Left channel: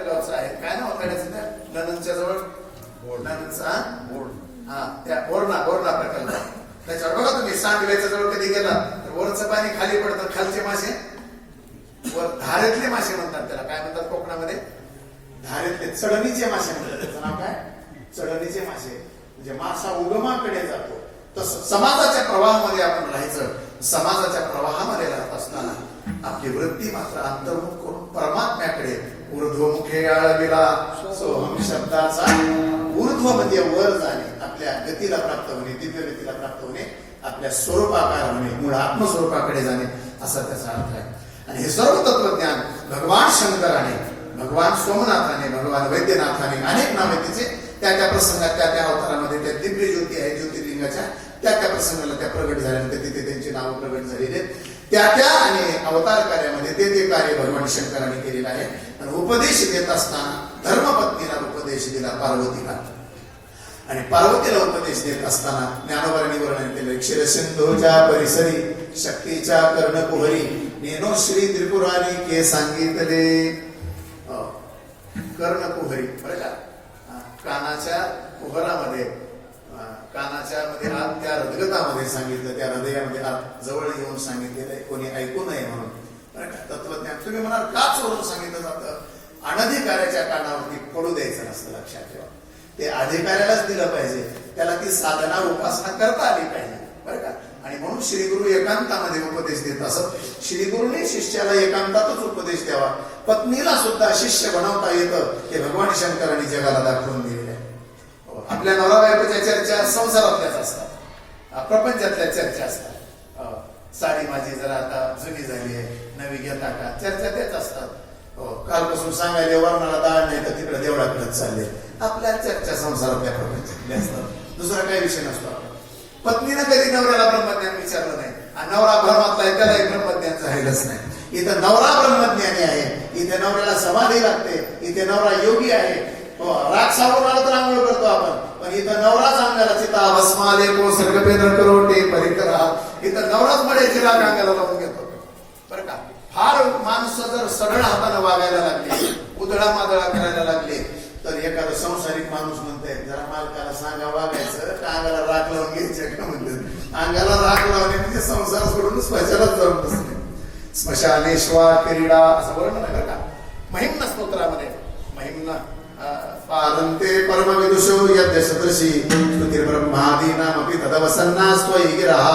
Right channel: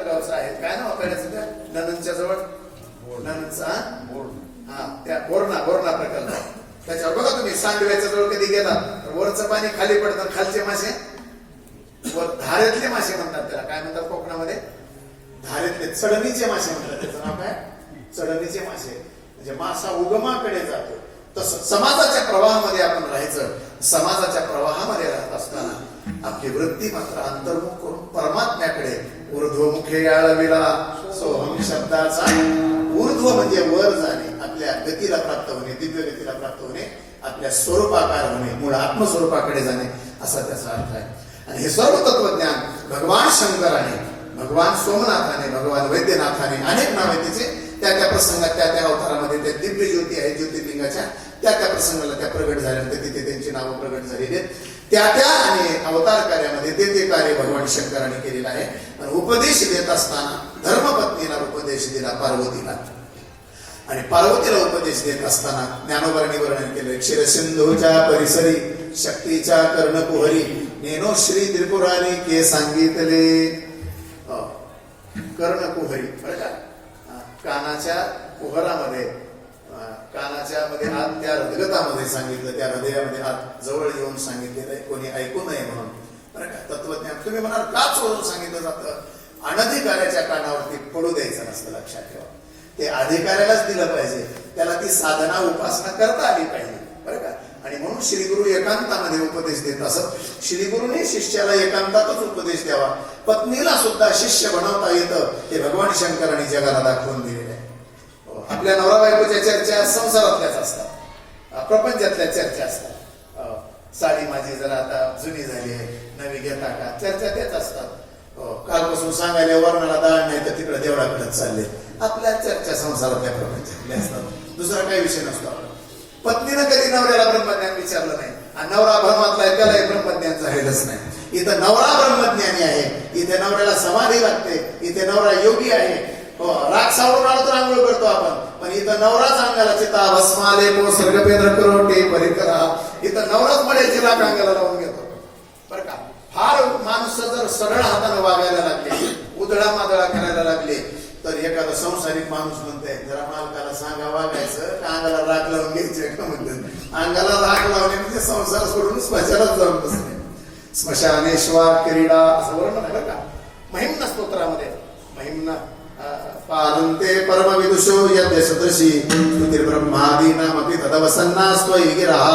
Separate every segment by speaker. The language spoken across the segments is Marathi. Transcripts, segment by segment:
Speaker 1: आपल्या गावचं आहे काय ना वाकड्याचं त्या नंदनच्या जवळ? नंदनचा हा? त्या बोरणा बोरणा प्रकल्प. त्याच्यावर बघा तुम्ही सांडव्याच्या जवळ कधी गेला तर वरचं पाणी खाली पडतं खालचे मासे? वर धारेतले मासे म्हणतात त्याला. काय म्हणतात कोकणामध्ये? धारेतले चढणीचे मासे म्हणतात त्याचं नाव काय? चढणीचे मासे. म्हणजे मासा उगमाकडे जातो. तसं समाजाच्या प्रवाहामध्ये आपण राहायचं समाजाच्या प्रवाहामध्ये राहत असताना आपली वृत्ती मात्र अंतर्मुख करून परमात्म्याकडे ऊर्ध्वमुखे आळविला. सोहम शब्दाचा ऊर्ध्व म्हणजे वर जाणे आपल्या गतीला प्राप्त होणे दिव्य गतीला प्राप्त होणे आपल्या स्वरूपाकार होणे मूळ आत्मस्वरूपाकडे जाणे असा त्याचा अर्थ आहे. आणि हे सर्व तत्वज्ञान भगवान शंकराने भगवान सोमनाथाने भगवान वैद्यनाथाने अनेक नावे त्याचे त्या त्या प्रसंगात त्या त्या अवतारामध्ये त्या दिव्य ज्योती आहे ज्योतिर्लिंगाच्या. त्या त्या प्रसंगाला त्या प्रगट झाल्यानंतर तिथे त्यांची नावं प्रगट झालेली आहेत. त्या त्या आणि अवतार कार्यामध्ये ते ते कार्य भगवान शंकराने केलेलं आहे. आणि उपदेश देत असताना धर्मपत्नीला उपदेश दिला पार्वतीला. आणि पार्वतीला उपदेश देत असताना ज्ञानोबाने वर्णन केले क्षीरसिंधूच्या परिसरी शक्तीच्या कर्णकुहरी नेनो श्री त्रिपुरारी के सांगितले. कर्णकुहरी बरं का? कानाच्या कुहरामध्ये कानाच्या मध्ये आत त्या हृदगतामध्ये सांगितलं त्या हृदयामध्ये आत जवळ येऊन सांगितलेलं आहे. कोणी ऐकू नये म्हणून. तत्वज्ञान. तुम्ही म्हणाल का चोरून सांगितलं जातं. अनधिकाऱ्याच्या कानावरती पडू द्यायचं नसतं लक्षात ठेवा. ते अधिकाऱ्यालाच दिलं पाहिजे. त्याला ती साधना उपासना करता आली पाहिजे. बरं का? आणि म्हणून श्री गुरु एकांतामध्ये उपदेश देत असत. श्रीगुरुने शिष्याला एकांतातच उपदेश द्यावा. पत्नीला सुद्धा शिष्य बनवता येतं हे भगवान शंकरांनी जगाला दाखवून दिलं. आपल्या नवरा बायकोच्या चर्चा संसारातल्याच असतात. प्रपंचातल्या चर्चा असतात. साडी माझी जरा आता जुनी झाली आहे नवी घेता का? चर्चा तेच असतात. कालपासून सांगायला वर्णाला दाळ नाही तर तिकडे देवळाकडेच चालले. आपल्या चर्चा संसारातल्या प्रपंचातल्या असतात. दुसरा काही विषय नसतो आपला. पत्नीनं कधी नवऱ्याला ब्रह्मज्ञान विचारलं नाही आणि नवरा भ्रमातला आहे त्यालाही ब्रह्मज्ञान झालेलंच नाही. इथं नवरा ब्रह्मज्ञानी आहे. इथे नवऱ्याला समाधी लागते. इथे नवरा योगी आहे. हो, राग सावरून आला तर आंघोळ इथं नवराच अंगाला चिता भस्माले को सर्गपेन करोटे परिकरा. इथं नवराच मध्ये जिला अंगाला लावून घेतो. बरं का? फार माणसं जर सरळ हाताने वागायला लागले उधळा मादळा करायला लागले तर एखादा संसारिक माणूस म्हणते जरा मालकाला सांगा वागायचं का अंगाला राग लावून घ्यायचं का? म्हणते अंगाला राग लावणे म्हणजे संसार सोडून स्मशानात जाऊन बसणे. स्मशानेश्वर क्रीडा असं वर्णन आहे बरं का? महिमना स्तोत्रामध्ये. महिमना. पादन्ते परमविदुषो यद्यसदृशी सदृशी तदवसन्नास्त्वयि गिरः। तदवसन्ना स्वयं गिरहा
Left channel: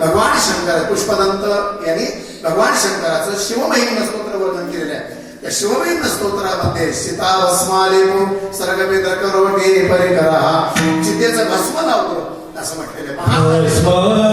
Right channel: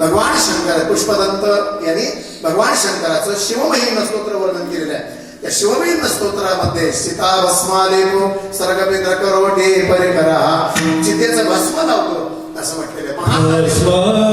Speaker 1: भगवान शंकर पुष्पदंत यांनी भगवान शंकराचं शिवमहिम्न स्तोत्र वर्णन केलेलं आहे. त्या शिवमहिम्न स्तोत्रामध्ये सीता भस्मालेमो सर्गमिंद्र करोटे परिकरा। चितेचं भस्म लावतो असं म्हटलेलं आहे. महा